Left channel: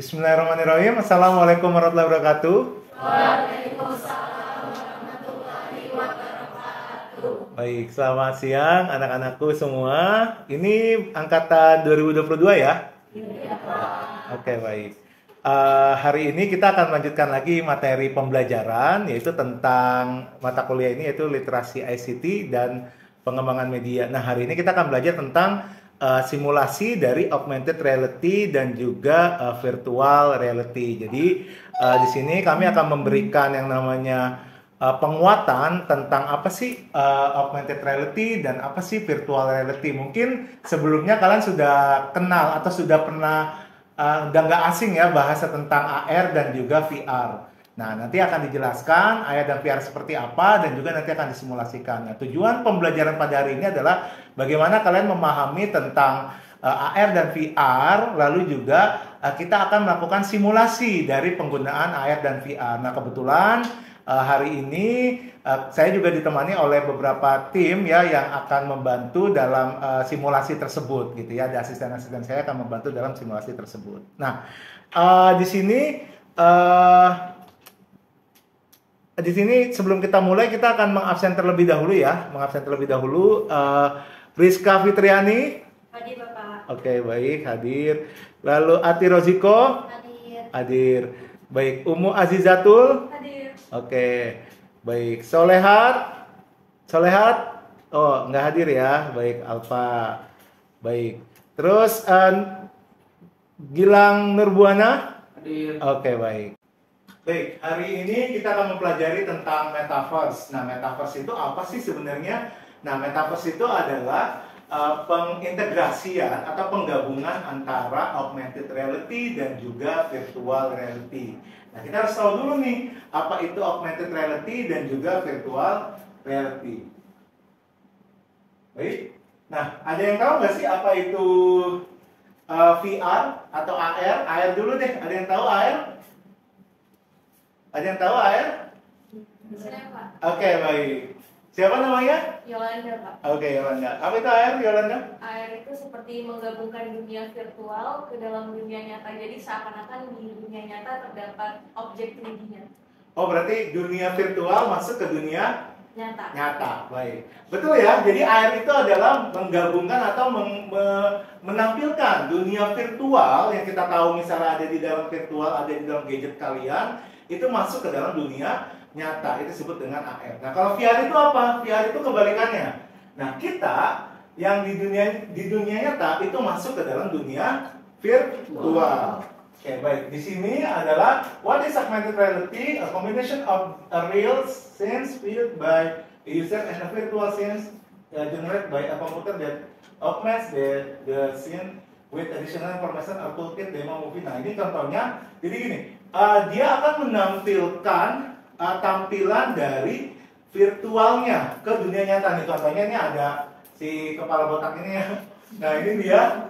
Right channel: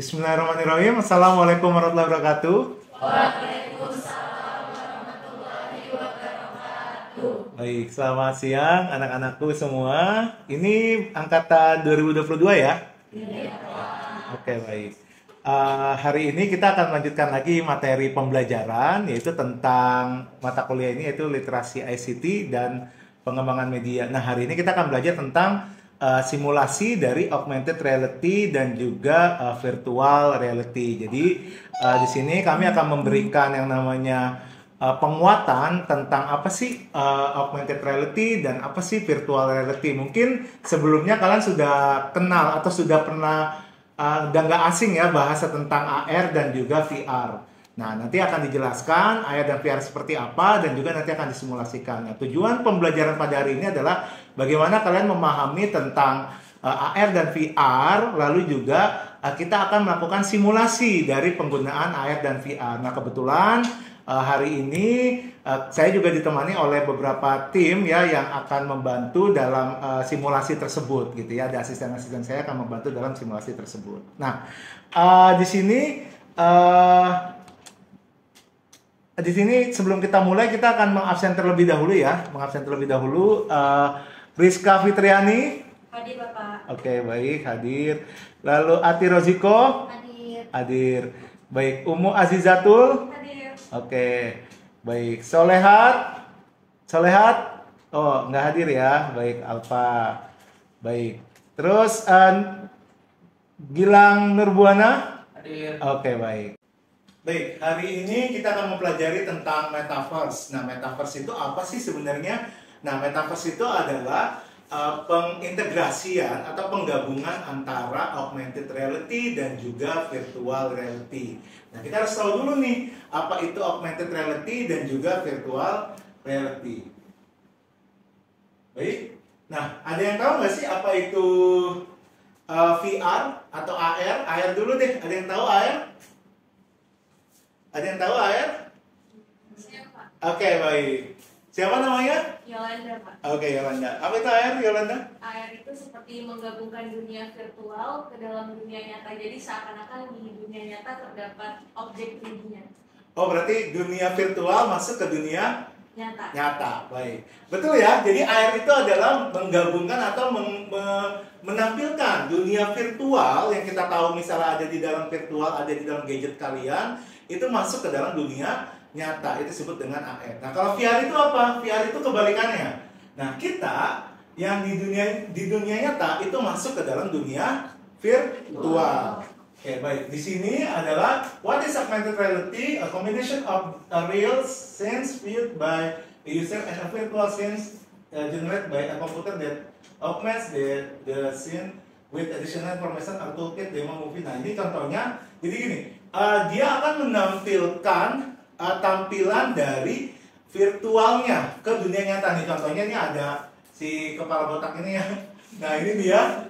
Bismillahirrahmanirrahim. Assalamualaikum warahmatullahi wabarakatuh. Waalaikumsalam warahmatullahi wabarakatuh. Baik, selamat siang anak-anakku semua. Ini angkatan 2022 ya? Iya, Pak. Oke, baik. Hari ini kita akan melanjutkan lagi materi pembelajaran, yaitu tentang mata kuliah ini, yaitu literasi ICT dan pengembangan media. Nah, hari ini kita akan belajar tentang simulasi dari augmented reality dan juga virtual reality. Jadi di sini kami akan memberikan yang namanya penguatan tentang apa sih augmented reality dan apa sih virtual reality. Mungkin sebelumnya kalian sudah kenal atau sudah pernah udah nggak asing ya bahasa tentang AR dan juga VR. Nah, nanti akan dijelaskan AR dan VR seperti apa dan juga nanti akan disimulasikan. Nah, tujuan pembelajaran pada hari ini adalah bagaimana kalian memahami tentang AR dan VR, lalu juga kita akan melakukan simulasi dari penggunaan AR dan VR. Nah, kebetulan hari ini saya juga ditemani oleh beberapa tim ya yang akan membantu dalam simulasi tersebut gitu ya. Ada asisten-asisten saya akan membantu dalam simulasi tersebut. Nah, di sini sebelum kita mulai kita akan mengabsen terlebih dahulu ya, Rizka Fitriani. Hadir, Bapak. Oke, baik, hadir. Lalu Ati Roziko. Hadir. Hadir. Baik, Umu Azizatul. Hadir. Oke, baik. Solehat. Oh, nggak hadir ya. Baik, Alfa. Baik. Terus Gilang Nurbuana. Hadir. Oke, baik. Baik, hari ini kita akan mempelajari tentang metaverse. Nah, metaverse itu apa sih sebenarnya? Nah, metaverse itu adalah pengintegrasian atau penggabungan antara augmented reality dan juga virtual reality. Nah, kita harus tahu dulu nih, apa itu augmented reality dan juga virtual reality. Baik, nah ada yang tahu nggak sih apa itu VR atau AR? AR dulu deh, ada yang tahu AR? Ada yang tahu AR? Saya, Pak. Oke, baik. Siapa namanya? Yolanda, Pak. Oke, Yolanda. Apa itu AR, Yolanda? AR itu seperti menggabungkan dunia virtual ke dalam dunia nyata. Jadi seakan-akan di dunia nyata terdapat objek 3D-nya. Oh, berarti dunia virtual masuk ke dunia Nyata. nyata. Baik. Betul ya. Jadi AR itu adalah menggabungkan atau menampilkan dunia virtual yang kita tahu misalnya ada di dalam virtual, ada di dalam gadget kalian, itu masuk ke dalam dunia nyata. Itu disebut dengan AR. Nah, kalau VR itu apa? VR itu kebalikannya. Nah, kita yang di dunia nyata itu masuk ke dalam dunia virtual. Oke, baik. Di sini adalah what is augmented reality? A combination of a real sense viewed by a user and a virtual sense generated by a computer that augments the scene with additional information or toolkit demo movie. Nah, ini contohnya. Jadi gini, dia akan menampilkan tampilan dari virtualnya ke dunia nyata nih. Contohnya ini ada si kepala botak ini ya. Nah, ini dia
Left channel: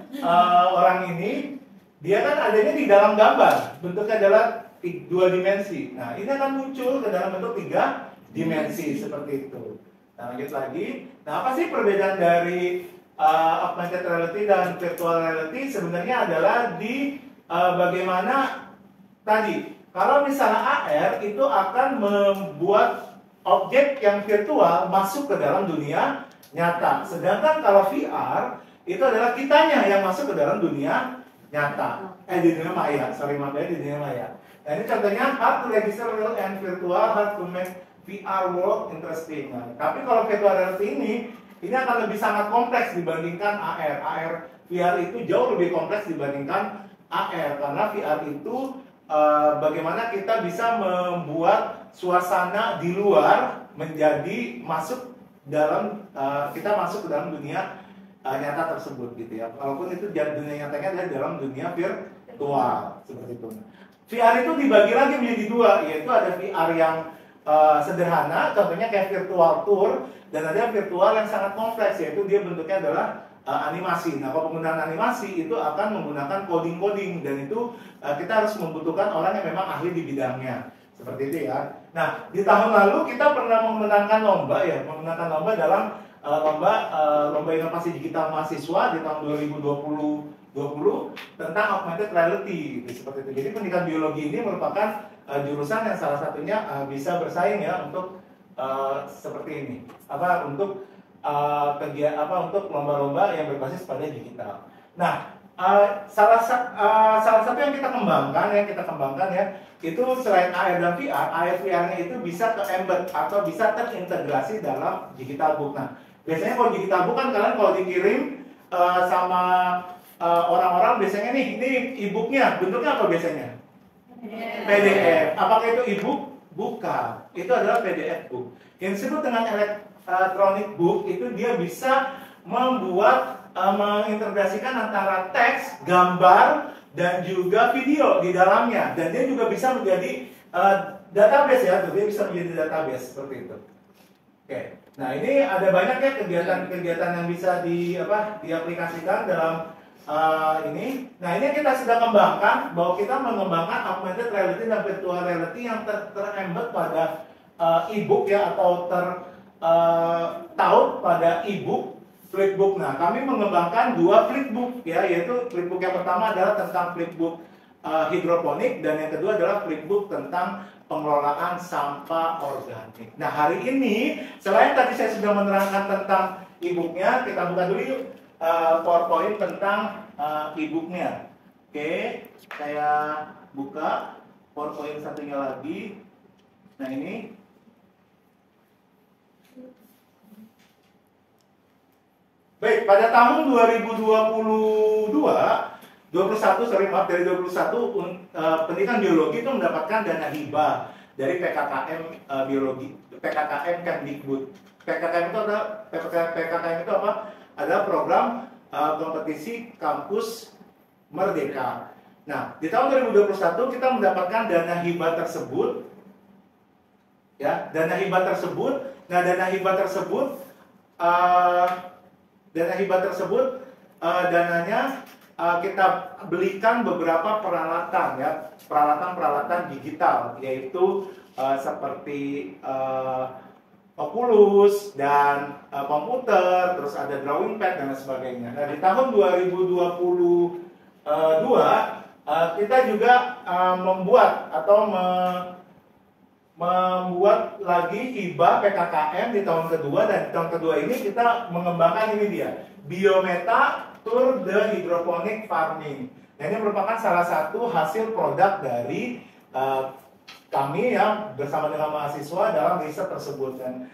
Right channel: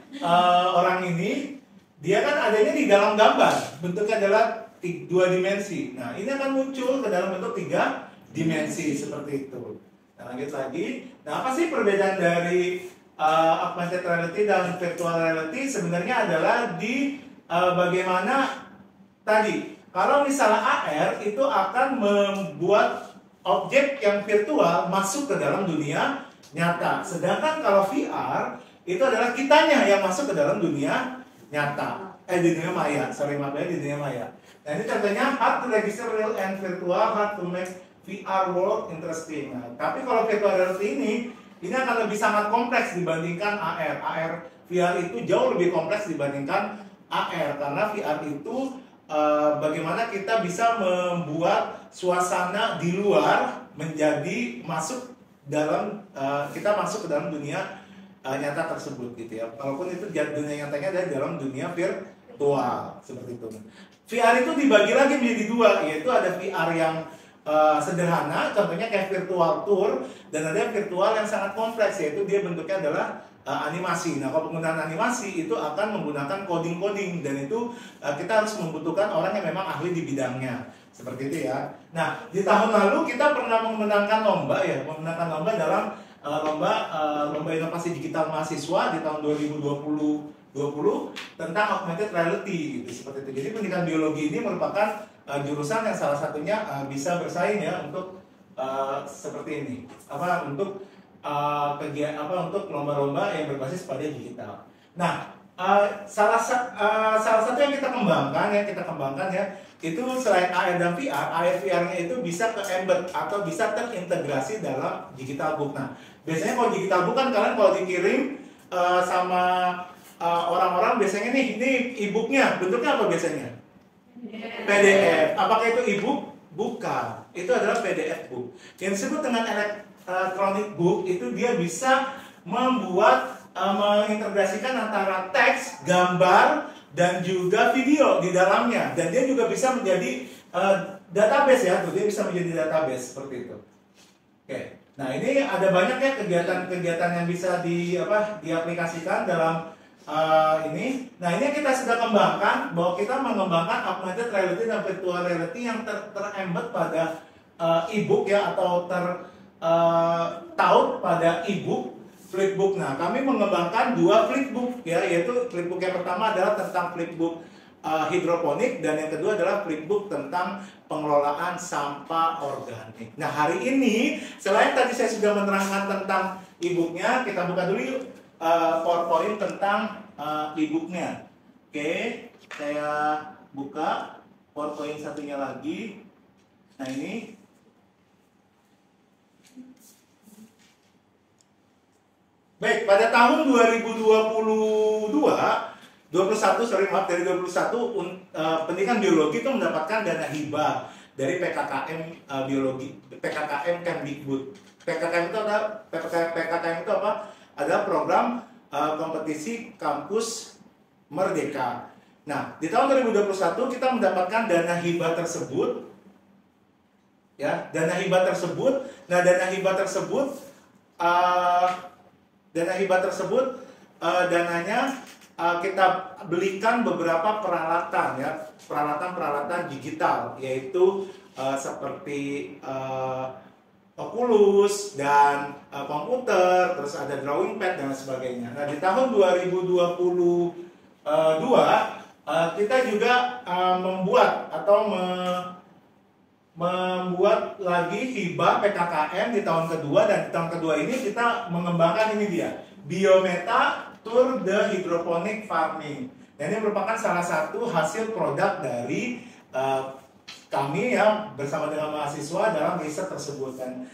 orang ini, dia kan adanya di dalam gambar, bentuknya adalah 2 dimensi. Nah, ini akan muncul ke dalam bentuk 3 dimensi seperti itu. Nah, lanjut lagi. Nah, apa sih perbedaan dari augmented reality dan virtual reality? Sebenarnya adalah di bagaimana tadi, kalau misalnya AR itu akan membuat objek yang virtual masuk ke dalam dunia nyata. Sedangkan kalau VR itu adalah kitanya yang masuk ke dalam dunia nyata. Di dunia maya, di dunia maya. Nah, ini contohnya hard to register real and virtual, hard to make VR world interesting. Nah, tapi kalau virtual reality ini akan lebih sangat kompleks dibandingkan AR. VR itu jauh lebih kompleks dibandingkan AR karena VR itu bagaimana kita bisa membuat suasana di luar menjadi masuk dalam kita masuk ke dalam dunia nyata tersebut gitu ya. Walaupun itu dunia nyatanya ada dalam dunia virtual seperti itu. VR itu dibagi lagi menjadi 2, yaitu ada VR yang sederhana, contohnya kayak virtual tour, dan ada virtual yang sangat kompleks, yaitu dia bentuknya adalah animasi. Nah, kalau penggunaan animasi itu akan menggunakan coding-coding, dan itu kita harus membutuhkan orang yang memang ahli di bidangnya. Seperti itu ya. Nah, di tahun lalu kita pernah memenangkan lomba dalam lomba inovasi digital mahasiswa di tahun 2020 tentang augmented reality gitu, seperti itu. Jadi pendidikan biologi ini merupakan jurusan yang salah satunya bisa bersaing ya untuk seperti ini, untuk untuk lomba-lomba yang berbasis pada digital. Nah, salah satu yang kita kembangkan ya, itu selain AR dan VR, AR VR-nya itu bisa ke-embed atau bisa terintegrasi dalam digital book. Nah, biasanya kalau digital book kan kalian kalau dikirim sama orang-orang biasanya nih, ini e-booknya bentuknya apa biasanya? PDF. Apakah itu e-book? Bukan. Itu adalah PDF book. Yang disebut dengan electronic book itu dia bisa membuat mengintegrasikan antara teks, gambar, dan juga video di dalamnya, dan dia juga bisa menjadi database ya, dia bisa menjadi database seperti itu. Oke, nah ini ada banyak ya kegiatan-kegiatan yang bisa diaplikasikan dalam ini. Nah ini kita sedang kembangkan bahwa kita mengembangkan augmented reality dan virtual reality yang terembed pada e-book ya, atau taut pada e-book. Flipbook. Nah, kami mengembangkan 2 flipbook ya, yaitu flipbook yang pertama adalah tentang flipbook hidroponik, dan yang kedua adalah flipbook tentang pengelolaan sampah organik. Nah, hari ini selain tadi saya sudah menerangkan tentang e-booknya, kita buka dulu yuk PowerPoint tentang e-booknya. Oke, saya buka PowerPoint satunya lagi. Nah, ini. Baik, pada tahun 2021 dari 2021 pendidikan biologi itu mendapatkan dana hibah dari PKKM biologi, PKKM Kemdikbud. PKKM itu apa? Adalah program kompetisi kampus merdeka. Nah, di tahun 2021 kita mendapatkan dana hibah tersebut. Ya, dana hibah tersebut. Nah, dana hibah tersebut dananya kita belikan beberapa peralatan ya, peralatan digital, yaitu seperti Oculus dan komputer, terus ada drawing pad dan sebagainya. Nah, di tahun 2022 kita juga membuat lagi hibah PKKM di tahun kedua, dan di tahun kedua ini kita mengembangkan ini dia, Biometa Tour de Hydroponic Farming. Nah, ini merupakan salah satu hasil produk dari kami ya bersama dengan mahasiswa dalam riset tersebut, dan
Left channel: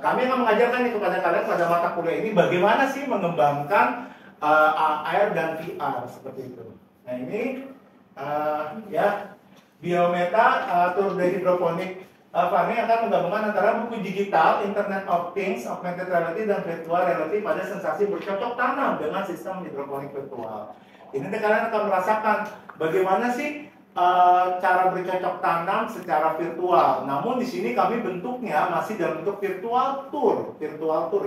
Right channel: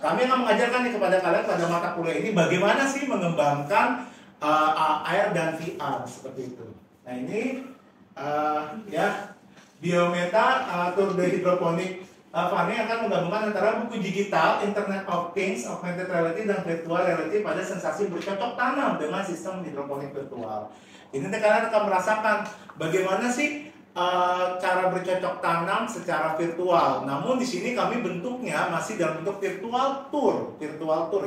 kami akan mengajarkan nih kepada kalian pada mata kuliah ini bagaimana sih mengembangkan AR dan VR seperti itu. Nah, ini ya Biometa Tour de Hydroponic Farming akan menggabungkan antara buku digital, Internet of Things, augmented reality, dan virtual reality pada sensasi bercocok tanam dengan sistem hidroponik virtual. Ini kalian akan merasakan bagaimana sih cara bercocok tanam secara virtual. Namun di sini kami bentuknya masih dalam bentuk virtual tour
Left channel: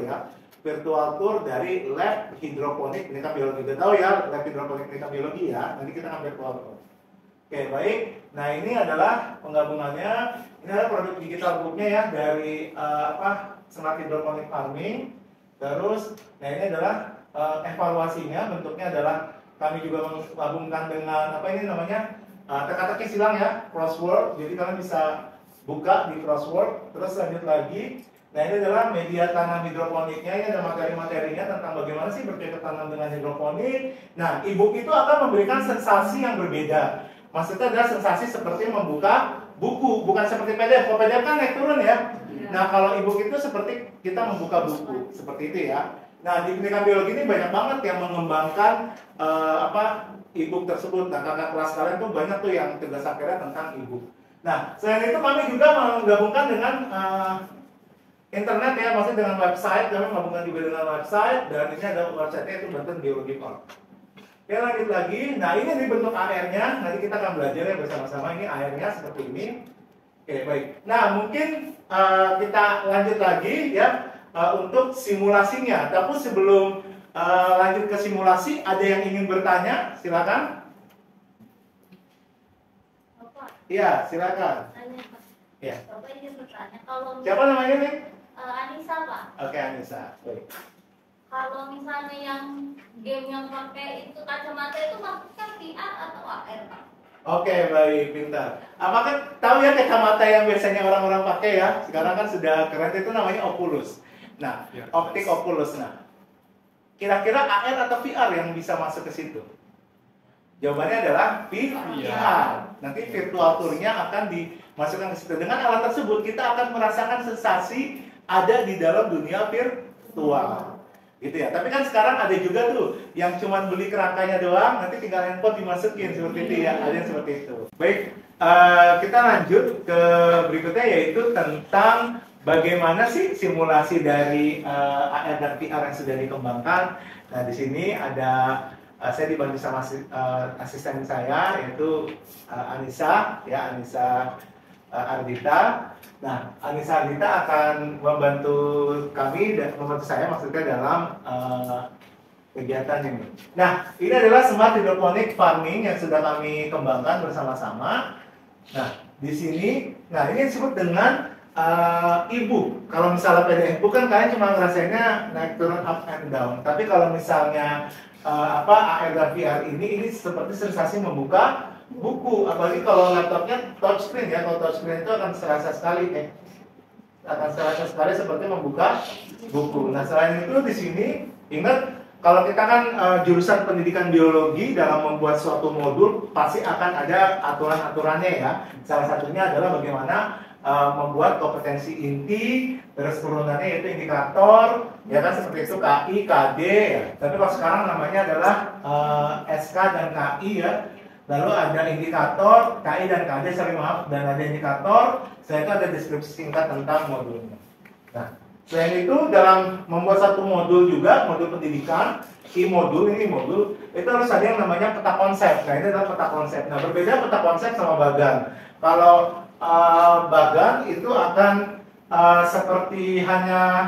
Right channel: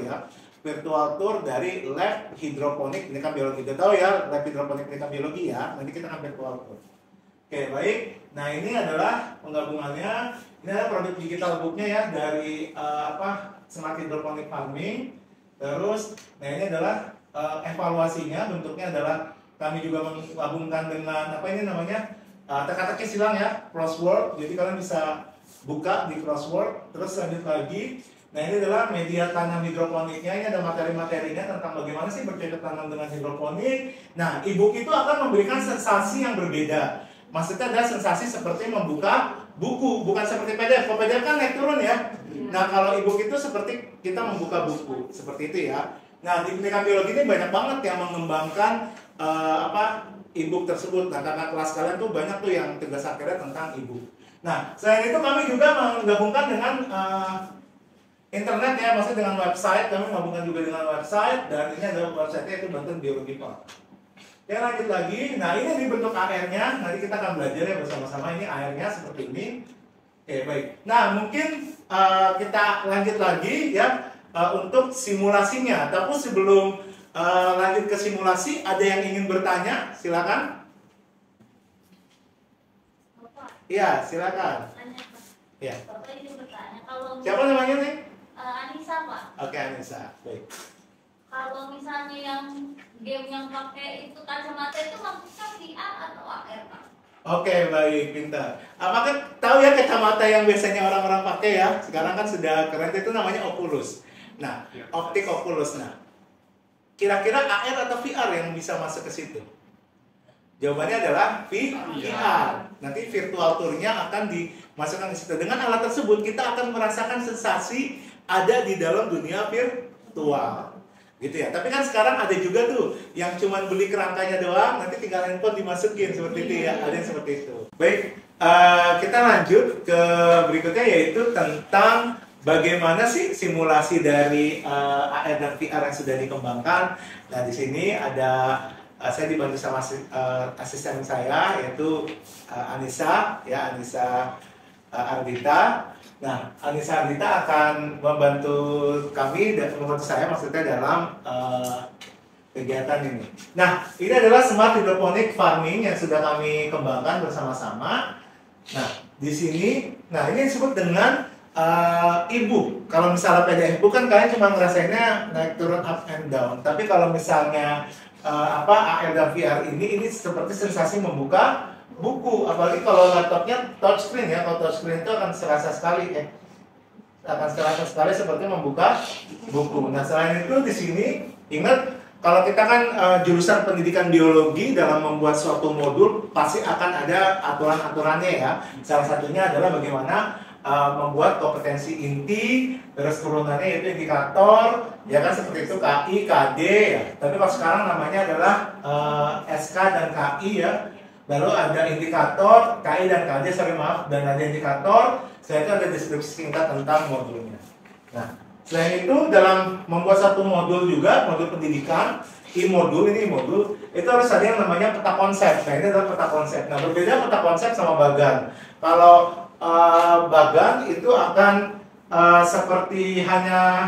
ya. Virtual tour dari lab hidroponik pendidikan biologi. Kita tahu ya, lab hidroponik pendidikan biologi ya. Nanti kita akan virtual tour. Oke, baik. Nah, ini adalah penggabungannya. Ini adalah produk digital booknya ya dari Smart Hydroponic Farming. Terus, nah ini adalah evaluasinya. Bentuknya adalah kami juga menggabungkan dengan teka-teki silang ya, crossword. Jadi kalian bisa buka di crossword. Terus lanjut lagi. Nah, ini adalah media tanam hidroponiknya. Ini ada materi-materinya tentang bagaimana sih bercocok tanam dengan hidroponik. Nah, e-book itu akan memberikan sensasi yang berbeda. Maksudnya adalah sensasi seperti membuka buku, bukan seperti PDF. Kalau PDF kan naik turun ya. Nah, kalau e-book itu seperti kita membuka buku, seperti itu ya. Nah, di pendidikan biologi ini banyak banget yang mengembangkan e-book tersebut. Nah, kakak kelas kalian tuh banyak tuh yang tugas akhirnya tentang e-book. Nah, selain itu kami juga menggabungkan dengan internet ya, maksudnya dengan website. Kami menggabungkan juga dengan website, dan ini ada website-nya itu Banten Biologi Park. Oke, lanjut lagi. Nah, ini bentuk AR-nya. Nanti kita akan belajar ya bersama-sama. Ini AR-nya seperti ini. Oke, baik. Nah, mungkin kita lanjut lagi ya untuk simulasinya. Tapi sebelum lanjut ke simulasi, ada yang ingin bertanya? Silakan. Bapak. Iya, silakan. Tanya, Pak. Ya. Bapak ingin bertanya kalau Siapa namanya nih? Anissa, Pak. Oke, Anissa. Baik. Kalau misalnya yang game yang pakai itu kacamata itu maksudnya VR atau AR, Pak? Oke, baik, pintar. Apakah tahu ya kacamata yang biasanya orang-orang pakai ya? Sekarang kan sudah keren, itu namanya Oculus. Nah, optik Oculus. Nah, kira-kira AR atau VR yang bisa masuk ke situ? Jawabannya adalah VR. Nanti virtual tour-nya akan dimasukkan ke situ. Dengan alat tersebut kita akan merasakan sensasi ada di dalam dunia virtual. Gitu ya. Tapi kan sekarang ada juga tuh yang cuma beli kerangkanya doang, nanti tinggal handphone dimasukin seperti itu ya. Ada yang seperti itu. Baik, kita lanjut ke berikutnya yaitu tentang bagaimana sih simulasi dari AR dan VR yang sudah dikembangkan. Nah, di sini ada saya dibantu sama asisten saya yaitu Anissa Ardita. Nah, Anissa Ardita akan membantu kami dan membantu saya maksudnya dalam kegiatan ini. Nah, ini adalah smart hydroponic farming yang sudah kami kembangkan bersama-sama. Nah, di sini, ini disebut dengan e-book. Kalau misalnya PDF book kan kalian cuma ngerasainnya naik turun up and down. Tapi kalau misalnya AR dan VR ini seperti sensasi membuka buku, apalagi kalau laptopnya touchscreen ya. Kalau touchscreen itu akan serasa sekali seperti membuka buku. Nah, selain itu di sini ingat kalau kita kan jurusan pendidikan biologi, dalam membuat suatu modul pasti akan ada aturan-aturannya ya. Salah satunya adalah bagaimana membuat kompetensi inti, terus turunannya yaitu indikator, ya kan seperti itu KI, KD, ya. Tapi kalau sekarang namanya adalah SK dan KI ya. Lalu ada indikator, KI dan KD, dan ada indikator. Setelah itu ada deskripsi singkat tentang modulnya. Nah, selain itu dalam membuat satu modul juga, modul pendidikan, modul itu harus ada yang namanya peta konsep. Nah, ini adalah peta konsep. Nah, berbeda peta konsep sama bagan. Kalau bagan itu akan seperti hanya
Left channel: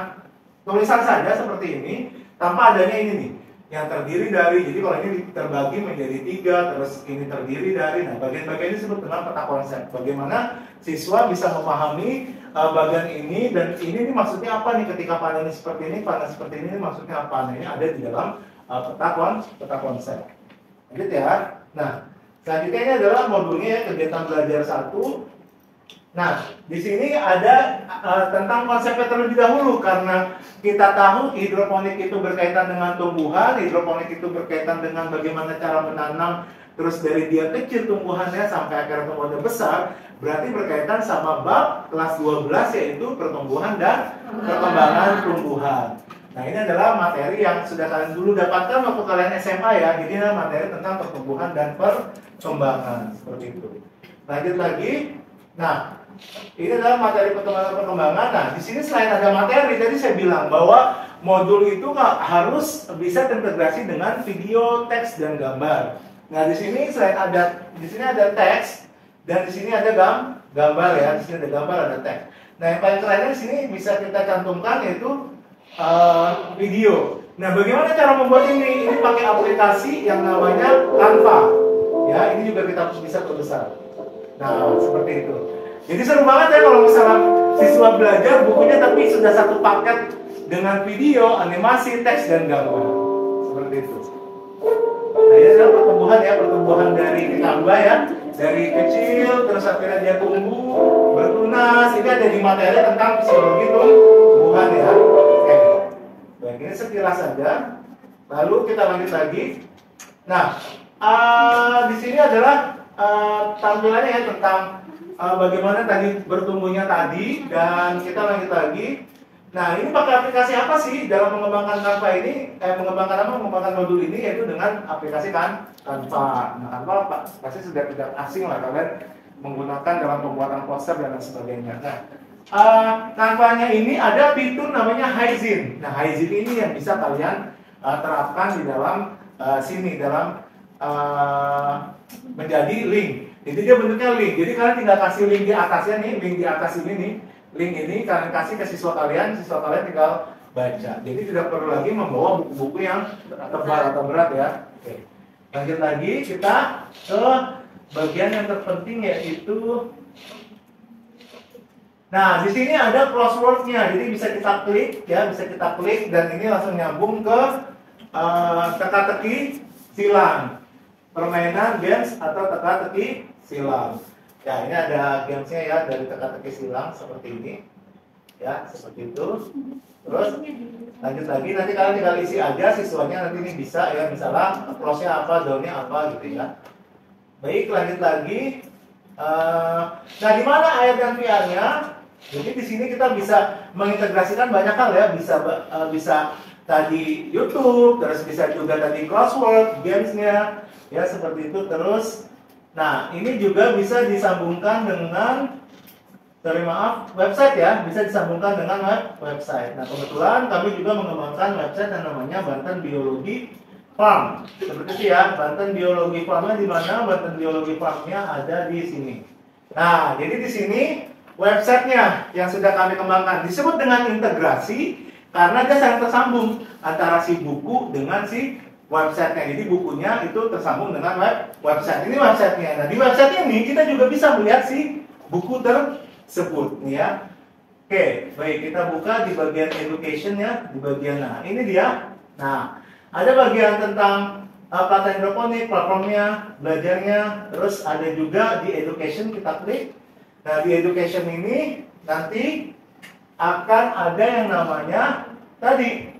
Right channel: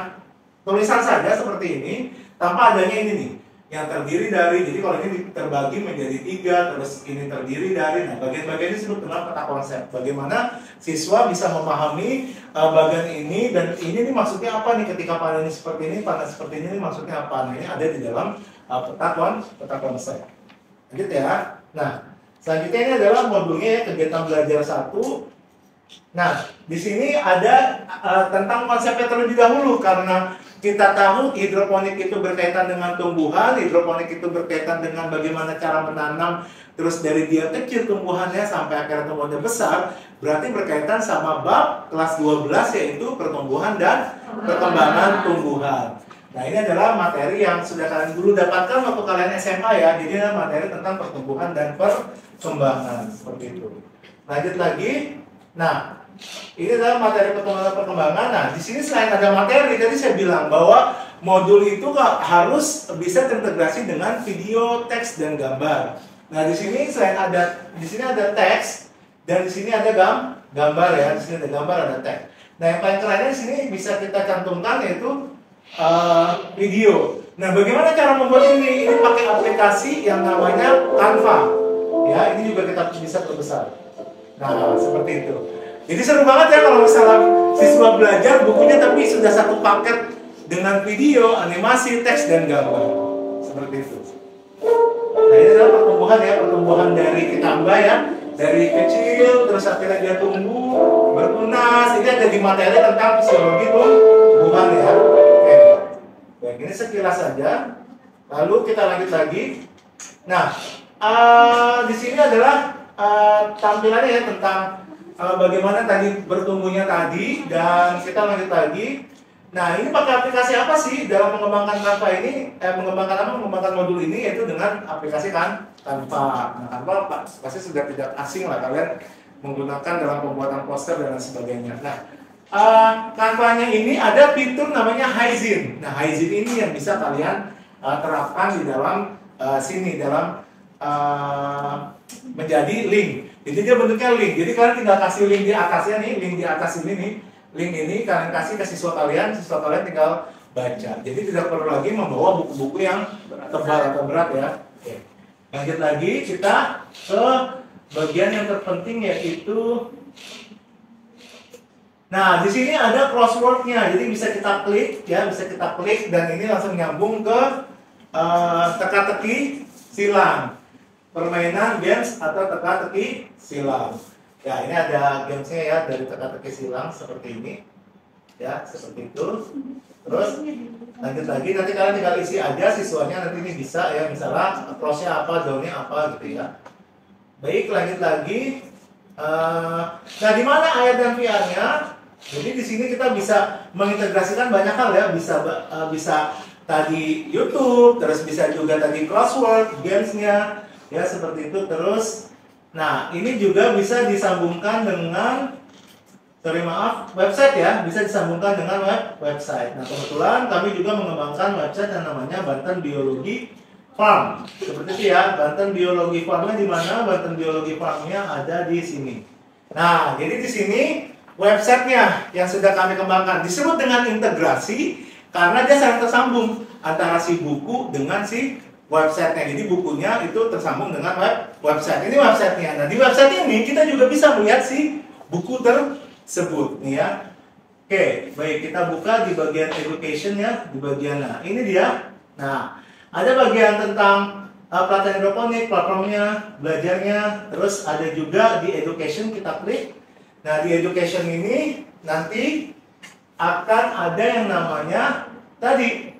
tulisan saja seperti ini, tanpa adanya ini nih, yang terdiri dari, jadi kalau ini terbagi menjadi 3, terus ini terdiri dari, nah bagian-bagian ini disebut dengan peta konsep. Bagaimana siswa bisa memahami bagan ini, dan ini nih maksudnya apa nih ketika panen seperti ini, panen seperti ini maksudnya apa. Nah, ini ada di dalam peta konsep. Lanjut ya. Nah, selanjutnya ini adalah modulnya ya, kegiatan belajar 1. Nah, di sini ada tentang konsepnya terlebih dahulu, karena kita tahu hidroponik itu berkaitan dengan tumbuhan, hidroponik itu berkaitan dengan bagaimana cara menanam, terus dari dia kecil tumbuhannya sampai akhirnya tumbuhannya besar, berarti berkaitan sama bab kelas 12 yaitu pertumbuhan dan perkembangan tumbuhan. Nah, ini adalah materi yang sudah kalian dulu dapatkan waktu kalian SMA ya, jadi ini materi tentang pertumbuhan dan perkembangan, seperti itu. Lanjut lagi. Nah, ini adalah materi perkembangan. Nah, di sini selain ada materi, tadi saya bilang bahwa modul itu harus bisa terintegrasi dengan video, teks, dan gambar. Nah, di sini ada teks dan di sini ada gambar ya. Di sini ada gambar, ada teks. Nah, yang paling kerennya di sini bisa kita cantumkan yaitu video. Nah, bagaimana cara membuat ini? Ini pakai aplikasi yang namanya Canva. Ya, ini juga kita bisa perbesar. Nah, seperti itu. Jadi seru banget ya kalau misalnya siswa belajar bukunya tapi sudah satu paket dengan video, animasi, teks, dan gambar. Seperti itu. Nah, ini adalah pertumbuhan dari ditambah ya. Dari kecil, terus akhirnya dia tumbuh, bertunas. Ini ada di materi tentang fisiologi tumbuhan ya. Oke. Baik, ini sekilas saja. Lalu kita lanjut lagi. Nah, di sini adalah tampilannya ya tentang bagaimana tadi bertumbuhnya tadi, dan kita lanjut lagi. Nah, ini pakai aplikasi apa sih dalam mengembangkan Canva ini? Mengembangkan modul ini yaitu dengan aplikasi Canva. Nah, Canva pasti sudah tidak asing lah kalian menggunakan dalam pembuatan poster dan lain sebagainya. Nah, Canva-nya ini ada fitur namanya Hyzine. Nah, Hyzine ini yang bisa kalian terapkan di dalam sini dalam menjadi link. Jadi dia bentuknya link. Jadi kalian tinggal kasih link di atasnya nih, link di atas ini nih. Link ini kalian kasih ke siswa kalian tinggal baca. Jadi tidak perlu lagi membawa buku-buku yang tebal atau berat ya. Oke. Lanjut lagi kita ke bagian yang terpenting yaitu Nah, di sini ada crosswordnya, jadi bisa kita klik ya, bisa kita klik dan ini langsung nyambung ke teka-teki silang, permainan games atau teka-teki silang. Ya, ini ada gamesnya ya dari teka-teki silang seperti ini, ya seperti itu. Terus lanjut lagi, nanti kalian tinggal isi aja siswanya, nanti ini bisa ya, misalnya approach-nya apa, zone-nya apa gitu ya. Baik, lanjut lagi. Nah, di mana ayat dan VR-nya? Jadi di sini kita bisa mengintegrasikan banyak hal ya, bisa tadi YouTube, terus bisa juga tadi crossword, gamesnya, ya seperti itu. Terus, nah ini juga bisa disambungkan dengan, website ya, bisa disambungkan dengan website. Nah kebetulan kami juga mengembangkan website yang namanya Banten Biologi Farm. Seperti itu ya, Banten Biologi Farmnya di mana? Banten Biologi Farmnya ada di sini. Nah, jadi di sini websitenya yang sudah kami kembangkan disebut dengan integrasi karena dia sangat tersambung antara si buku dengan si websitenya. Jadi bukunya itu tersambung dengan website. Ini websitenya. Nah di website ini kita juga bisa melihat si buku tersebut nih ya. Oke, baik, kita buka di bagian education ya, di bagian, nah ini dia. Nah ada bagian tentang pelatihan hidroponik, platformnya, belajarnya, terus ada juga di education, kita klik. Nah di education ini nanti akan ada yang namanya tadi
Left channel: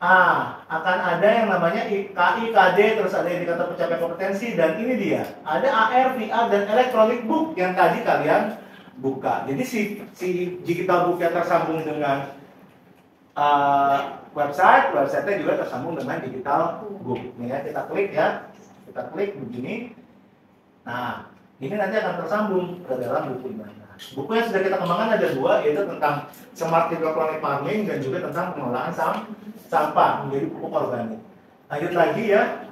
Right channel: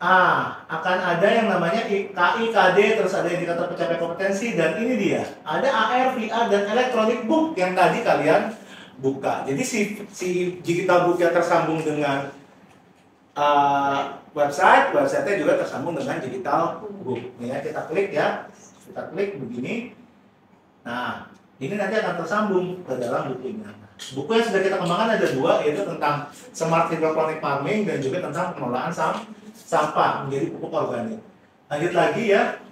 akan ada yang namanya KIKD, terus ada indikator pencapaian kompetensi, dan ini dia ada AR, VR, dan electronic book yang tadi kalian buka. Jadi si digital book yang tersambung dengan websitenya juga tersambung dengan digital book. Nih ya, kita klik ya, kita klik begini. Nah ini nanti akan tersambung ke dalam bukunya. Nah, buku yang sudah kita kembangkan ada dua, yaitu tentang smart hydroponic farming dan juga tentang pengelolaan sampah menjadi pupuk organik. Lanjut lagi ya,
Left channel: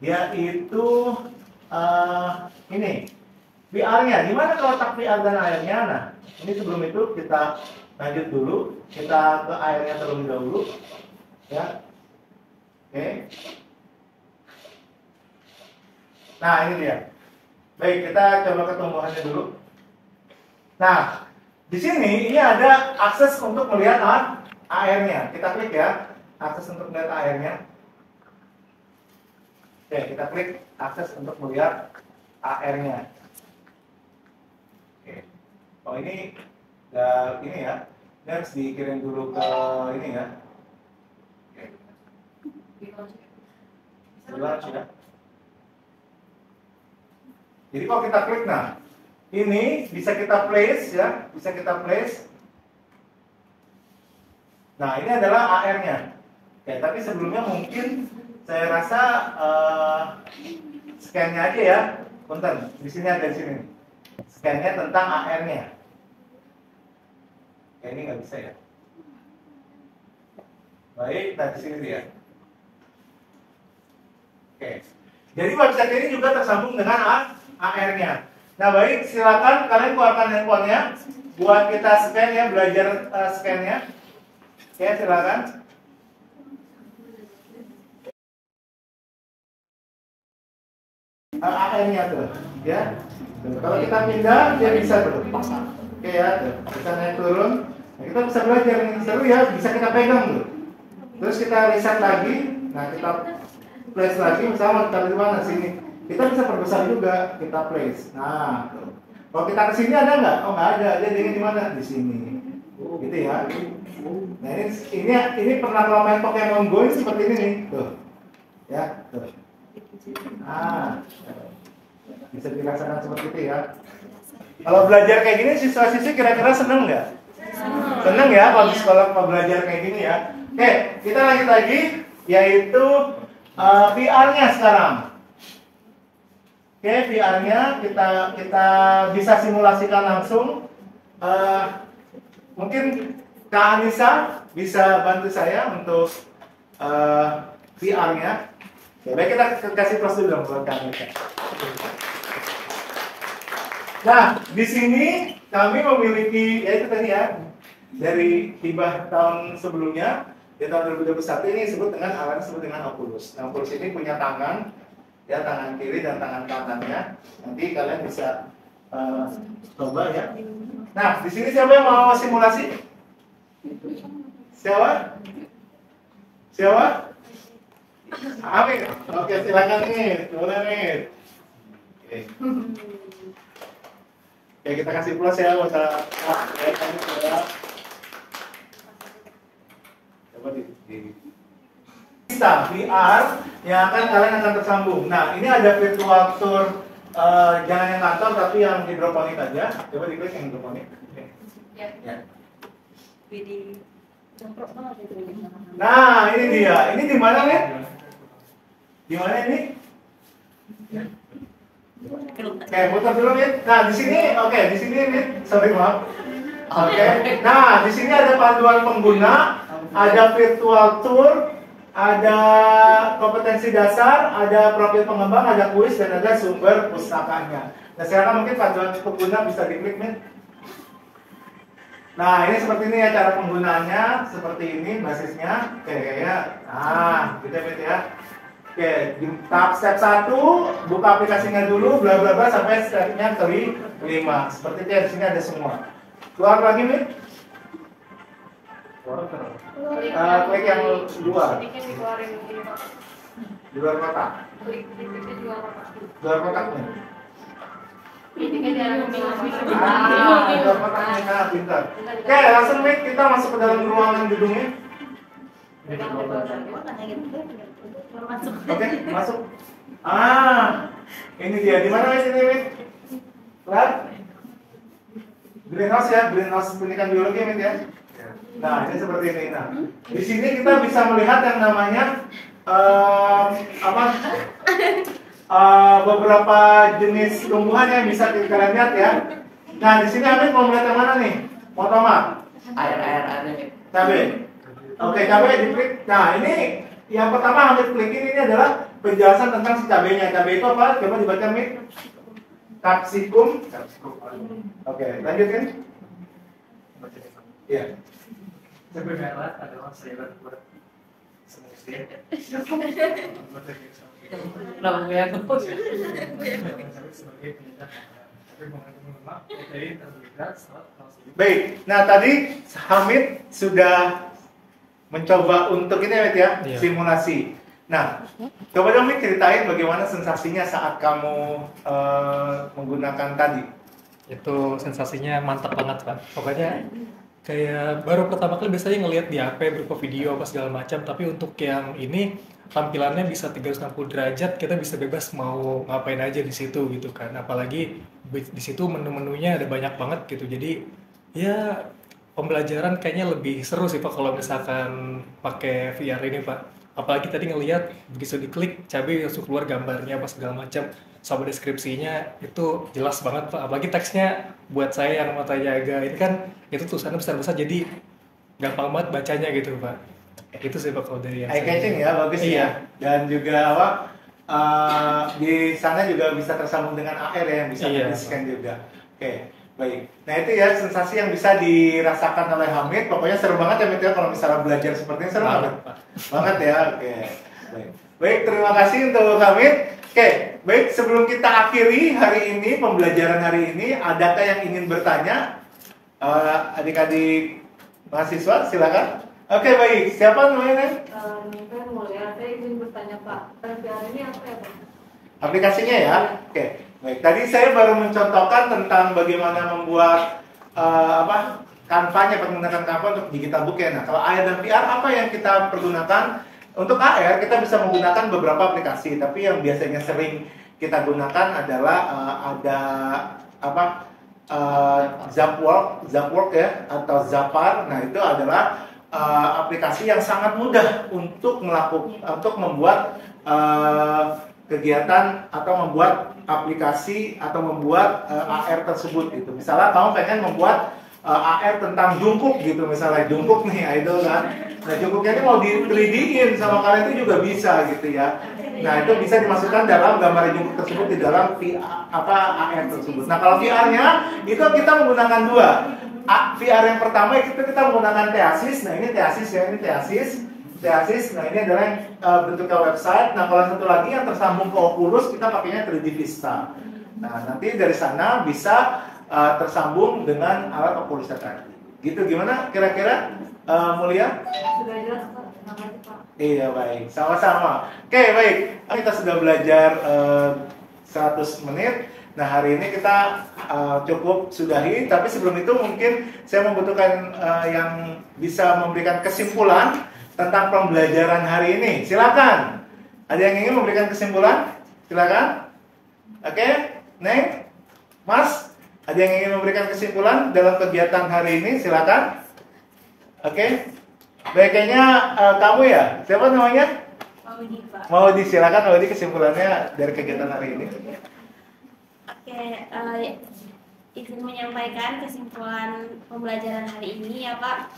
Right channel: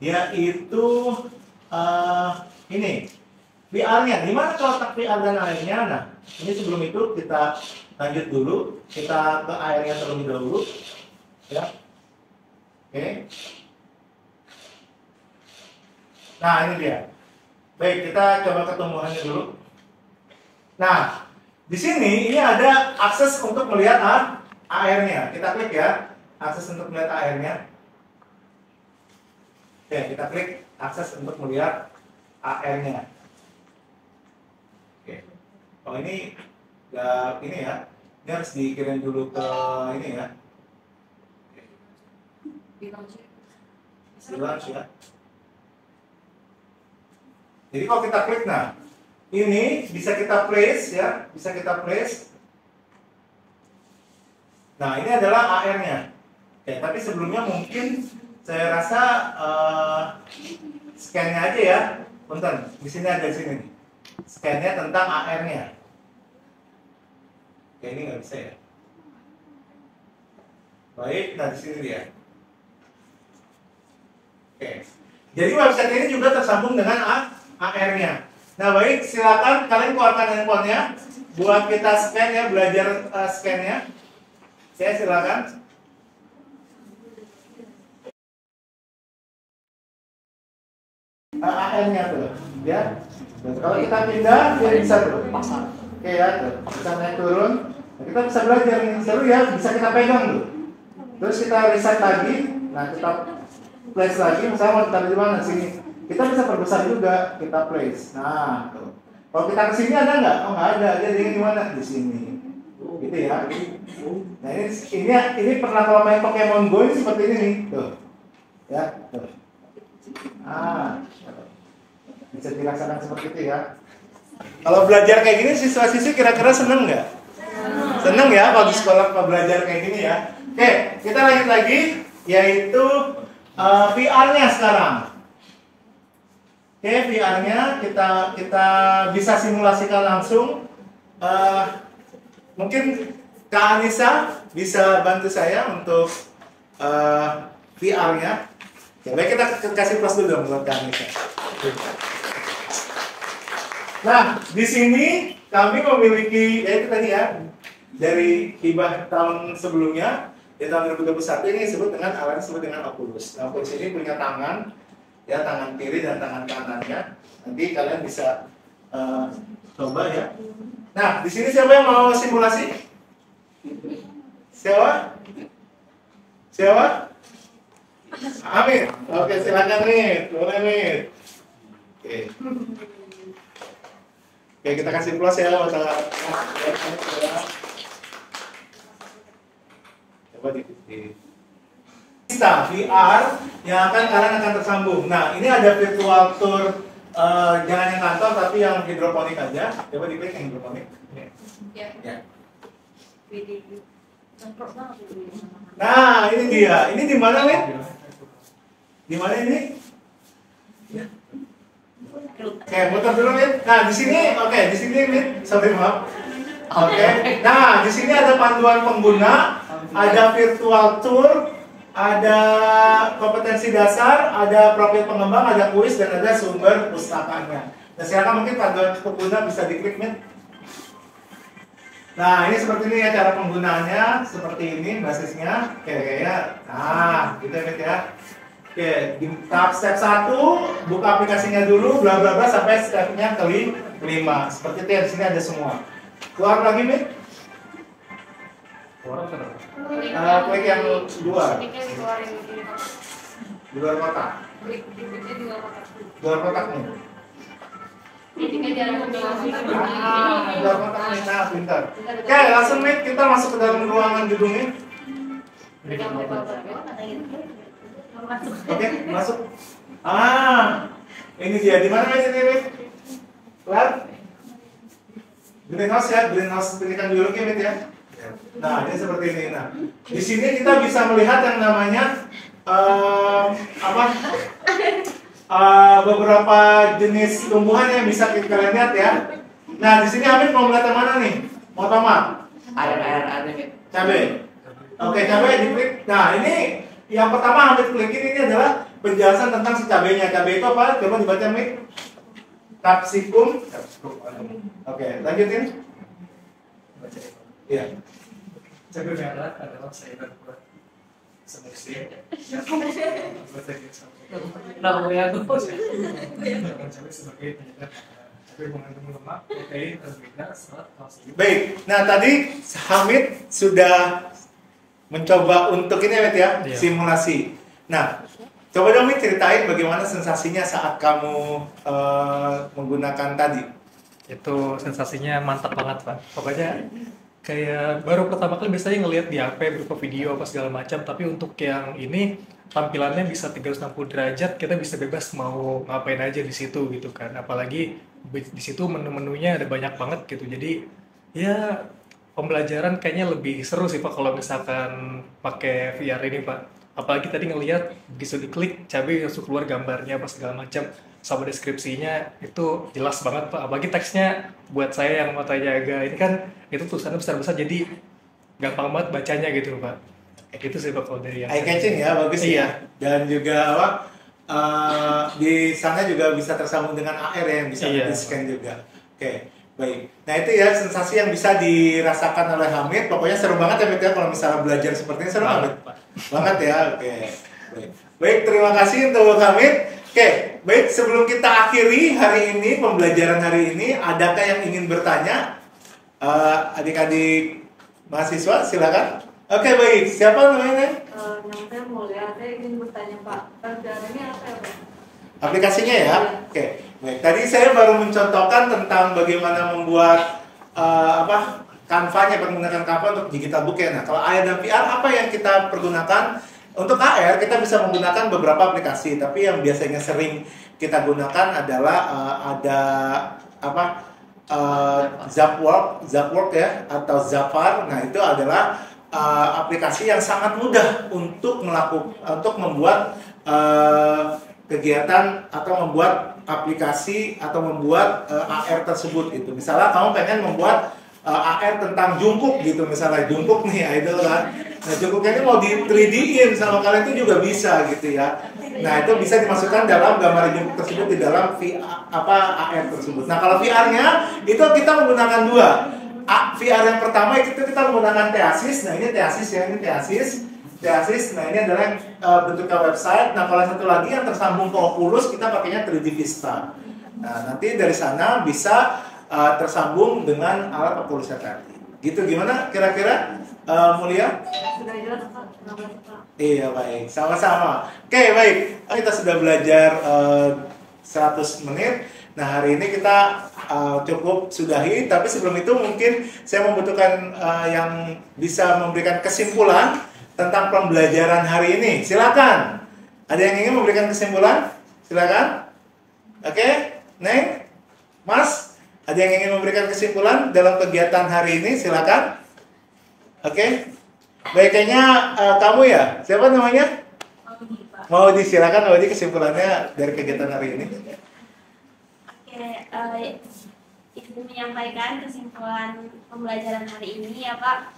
yaitu ini VR-nya. Di mana letak VR dan airnya? Nah, ini sebelum itu kita lanjut dulu, kita ke airnya terlebih dahulu, ya. Oke. Nah ini dia. Baik, kita coba ke tumbuhannya dulu. Nah, di sini ini ada akses untuk melihat airnya. Kita klik ya, akses untuk melihat airnya. Oke, kita klik akses untuk melihat airnya. Oke. Oh ini ya, ini harus dikirim dulu ke ini ya. Oke. Di launch ya. Jadi kalau kita klik, nah ini bisa kita place ya, bisa kita place. Nah ini adalah AR-nya. Oke, tapi sebelumnya mungkin saya rasa scan-nya aja ya. Punten, di sini ada sini. Scan-nya tentang AR-nya. Oke, ini nggak bisa ya. Baik, nah di sini dia. Oke, jadi website ini juga tersambung dengan AR-nya. Nah baik, silakan kalian keluarkan handphonenya buat kita scan ya, belajar scan-nya. Ya silakan. AR-nya tuh, ya. Kalau kita pindah, dia bisa tuh. Oke ya, kita naik turun. Nah, kita bisa belajar yang seru ya, bisa kita pegang tuh. Terus kita reset lagi. Nah kita place lagi, misalnya kita di mana sini. Kita bisa perbesar juga, kita place. Nah, tuh. Kalau kita kesini ada nggak? Oh nggak ada, dia di mana? Di sini. Gitu ya. Nah ini pernah kalau main Pokemon Go seperti ini nih, tuh. Ya, tuh. Bisa dirasakan seperti itu ya. Kalau belajar kayak gini, siswa-siswi kira-kira seneng nggak? Seneng ya, kalau di sekolah belajar kayak gini ya. Oke, kita lanjut lagi, yaitu VR-nya sekarang. Oke, VR-nya kita bisa simulasikan langsung. Mungkin Kak Anissa bisa bantu saya untuk VR-nya. Ya, baik, kita kasih plus dulu dong buat Kak Anissa. Nah, di sini kami memiliki, ya itu tadi ya, dari hibah tahun sebelumnya, di tahun 2021 ini disebut dengan alat disebut dengan Oculus. Nah, Oculus ini punya tangan, ya tangan kiri dan tangan kanannya. Nanti kalian bisa Eh, coba ya. Nah, di sini siapa yang mau simulasi? Siapa? Siapa? Amin. Oke, silakan nih. Boleh nih. Oke. Oke, kita kasih plus ya buat coba di VR yang kalian akan tersambung. Nah, ini ada virtual tour jangan yang kantor tapi yang hidroponik aja. Coba diklik yang hidroponik. Ya. Nah, ini dia. Ini di mana, Min? Di mana ini? Oke, muter dulu, Min. Nah, di sini, di sini, Min. Sorry, maaf. Oke. Nah, di sini ada panduan pengguna, ada virtual tour, ada kompetensi dasar, ada profil pengembang, ada kuis, dan ada sumber pustakanya. Nah, sekarang mungkin panduan pengguna bisa diklik, Min. Nah, ini seperti ini ya cara penggunaannya, seperti ini basisnya. Oke, kayaknya, nah, gitu ya, Mit ya. Oke, di tahap step 1, buka aplikasinya dulu, bla bla bla sampai stepnya kelima. Seperti itu ya, di sini ada semua. Keluar lagi, Mit. Klik yang luar. Di luar kotak. Di luar kotak nih. Di luar kotak nih, nah, pintar. Oke, langsung nih kita masuk ke dalam ruangan gedungnya. Oke, masuk. Ini dia. Di mana sini, Mit? Lihat. Greenhouse ya, greenhouse pendidikan biologi, Mit ya. Nah, ini seperti ini. Nah, di sini kita bisa melihat yang namanya beberapa jenis tumbuhan yang bisa kalian lihat ya. Nah, di sini Amit mau melihat yang mana nih? Mau tomat? Air. Cabai. Oke, cabai diklik. Nah, ini yang pertama Amit klik ini adalah penjelasan tentang si cabainya. Cabai itu apa? Coba dibaca, Amit. Capsicum. Oke, lanjutin. Iya. Cabai merah adalah sayuran buat semuanya. Nama ya aku. Cabai sebagai penyedap cabai mengandung lemak, protein, karbohidrat, serat, kalsium. Baik. Nah, tadi Hamid sudah mencoba untuk ini ya, Iya. simulasi. Nah, coba dong Mid ceritain bagaimana sensasinya saat kamu menggunakan tadi. Itu sensasinya mantap banget, Pak. Pokoknya kayak baru pertama kali biasanya ngelihat di HP berupa video apa segala macam, tapi untuk yang ini tampilannya bisa 360 derajat, kita bisa bebas mau ngapain aja di situ gitu kan. Apalagi di situ menu-menunya ada banyak banget gitu. Jadi ya pembelajaran kayaknya lebih seru sih Pak kalau misalkan pakai VR ini Pak. Apalagi tadi ngelihat begitu diklik cabai langsung keluar gambarnya apa segala macam sama deskripsinya itu jelas banget Pak. Apalagi teksnya buat saya yang matanya agak ini kan itu tulisannya besar-besar jadi gampang banget bacanya gitu Pak. Itu sih Pak kalau dari yang Eye catching ya, bagus Iya. ya. Dan juga di sana juga bisa tersambung dengan AR ya, yang bisa Iya. di-scan juga. Oke, baik. Nah itu ya sensasi yang bisa dirasakan oleh Hamid. Pokoknya seru banget ya Hamid ya kalau misalnya belajar seperti ini seru banget. Banget ya, oke. Baik. Baik, terima kasih untuk Hamid. Oke, baik sebelum kita akhiri hari ini, pembelajaran hari ini, adakah yang ingin bertanya? Adik-adik mahasiswa, silakan. Oke, baik. Siapa namanya? Nama saya Mulia, saya ingin bertanya Pak, pelajaran ini apa ya Pak? Aplikasinya ya. Oke, baik. Tadi saya baru mencontohkan tentang bagaimana membuat Canva-nya, menggunakan Canva untuk digital book ya. Nah, kalau AR dan VR apa yang kita pergunakan? Untuk AR kita bisa menggunakan beberapa aplikasi, tapi yang biasanya sering kita gunakan adalah Zapwork ya atau Zapar. Nah, itu adalah aplikasi yang sangat mudah untuk membuat kegiatan atau membuat aplikasi atau membuat AR tersebut gitu. Misalnya kamu pengen membuat AR tentang jungkook gitu, misalnya jungkook nih idol kan. Nah, jungkooknya ini mau di 3D-in sama kalian itu juga bisa gitu ya. Nah, itu bisa dimasukkan dalam gambar jungkook tersebut di dalam AR tersebut. Nah, kalau VR-nya itu kita menggunakan dua. VR yang pertama itu kita menggunakan Theasis. Nah, ini Theasis ya, ini Theasis. Nah, ini adalah bentuknya website. Nah, kalau satu lagi yang tersambung ke Oculus kita pakainya 3D Vista. Nah, nanti dari sana bisa tersambung dengan alat populasi tadi. Gitu, gimana kira-kira Mulia? Sudah jelas Pak. Terima kasih Pak. Iya, baik, sama-sama. Oke, baik, kita sudah belajar 100 menit. Nah, hari ini kita cukup sudahi, tapi sebelum itu mungkin saya membutuhkan yang bisa memberikan kesimpulan tentang pembelajaran hari ini. Silakan. Ada yang ingin memberikan kesimpulan? Silakan. Oke, Neng, Mas, ada yang ingin memberikan kesimpulan dalam kegiatan hari ini? Silakan. Oke, baik, kayaknya kamu ya. Siapa namanya? Maudi, Pak. Mau disilakan, Maudi, kesimpulannya dari kegiatan hari ini. Oke, izin menyampaikan kesimpulan pembelajaran hari ini ya Pak.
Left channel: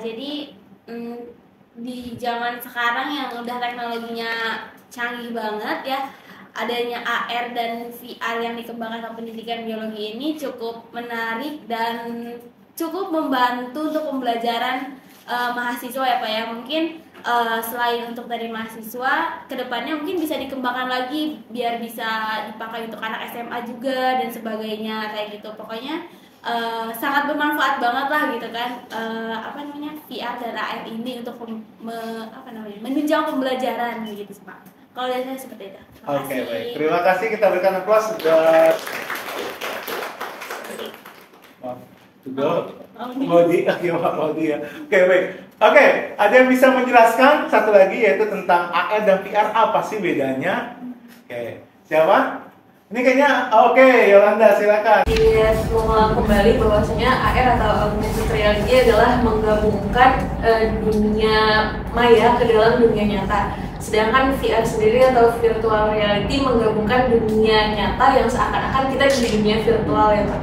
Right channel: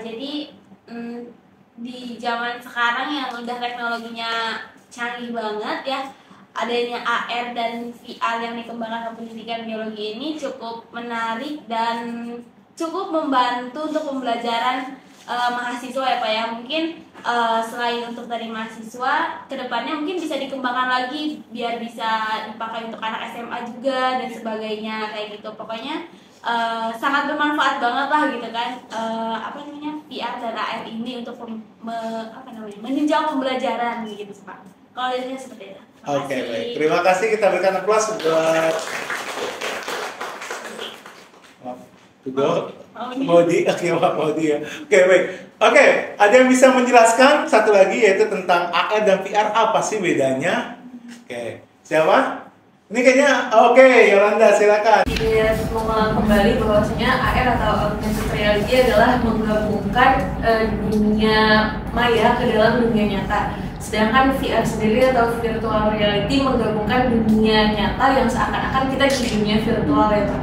Jadi di zaman sekarang yang udah teknologinya canggih banget ya, adanya AR dan VR yang dikembangkan ke pendidikan biologi ini cukup menarik dan cukup membantu untuk pembelajaran mahasiswa ya Pak ya. Mungkin selain untuk dari mahasiswa, kedepannya mungkin bisa dikembangkan lagi biar bisa dipakai untuk anak SMA juga dan sebagainya kayak gitu. Pokoknya sangat bermanfaat banget lah gitu kan, VR dan AR ini untuk menunjang pembelajaran gitu Pak. Kalau dari saya seperti itu. Terima Oke, kasih. baik. Terima kasih, kita berikan aplaus buat Maudi. Oke, Maudi ya. Oke, baik. Oke, ada yang bisa menjelaskan satu lagi yaitu tentang AR dan VR, apa sih bedanya? Oke, siapa? Ini kayaknya oke, Yolanda, silakan. Iya, mengulang kembali bahwasanya AR atau augmented reality adalah menggabungkan dunia maya ke dalam dunia nyata. Sedangkan VR sendiri atau virtual reality menggabungkan dunia nyata yang seakan-akan kita di dunia virtual ya Pak.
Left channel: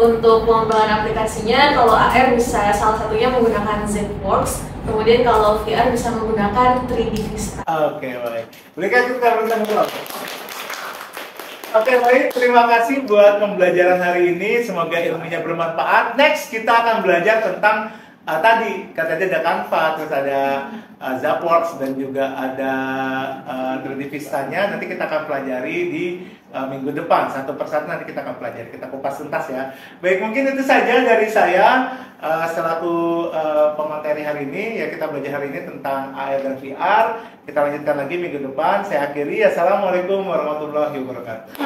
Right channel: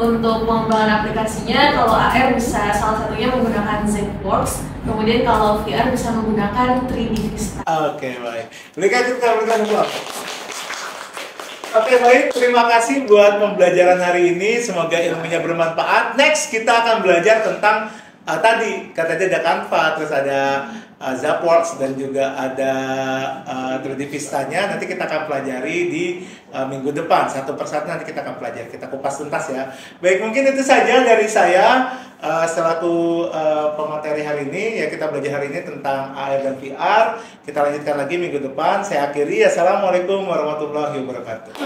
Untuk pengembangan aplikasinya, kalau AR bisa salah satunya menggunakan ZWorks, kemudian kalau VR bisa menggunakan 3D Vista. Oke, baik. Berikan juga aplaus. Oke, baik. Terima kasih buat pembelajaran hari ini. Semoga ilmunya bermanfaat. Next, kita akan belajar tentang tadi katanya ada Canva, terus ada ZWorks dan juga ada 3D Vista-nya. Nanti kita akan pelajari di minggu depan. Satu persatu nanti kita akan pelajari. Kita kupas tuntas ya. Baik, mungkin itu saja dari saya selaku pemateri hari ini. Ya, kita belajar hari ini tentang AR dan VR. Kita lanjutkan lagi minggu depan. Saya akhiri. Assalamualaikum warahmatullahi wabarakatuh.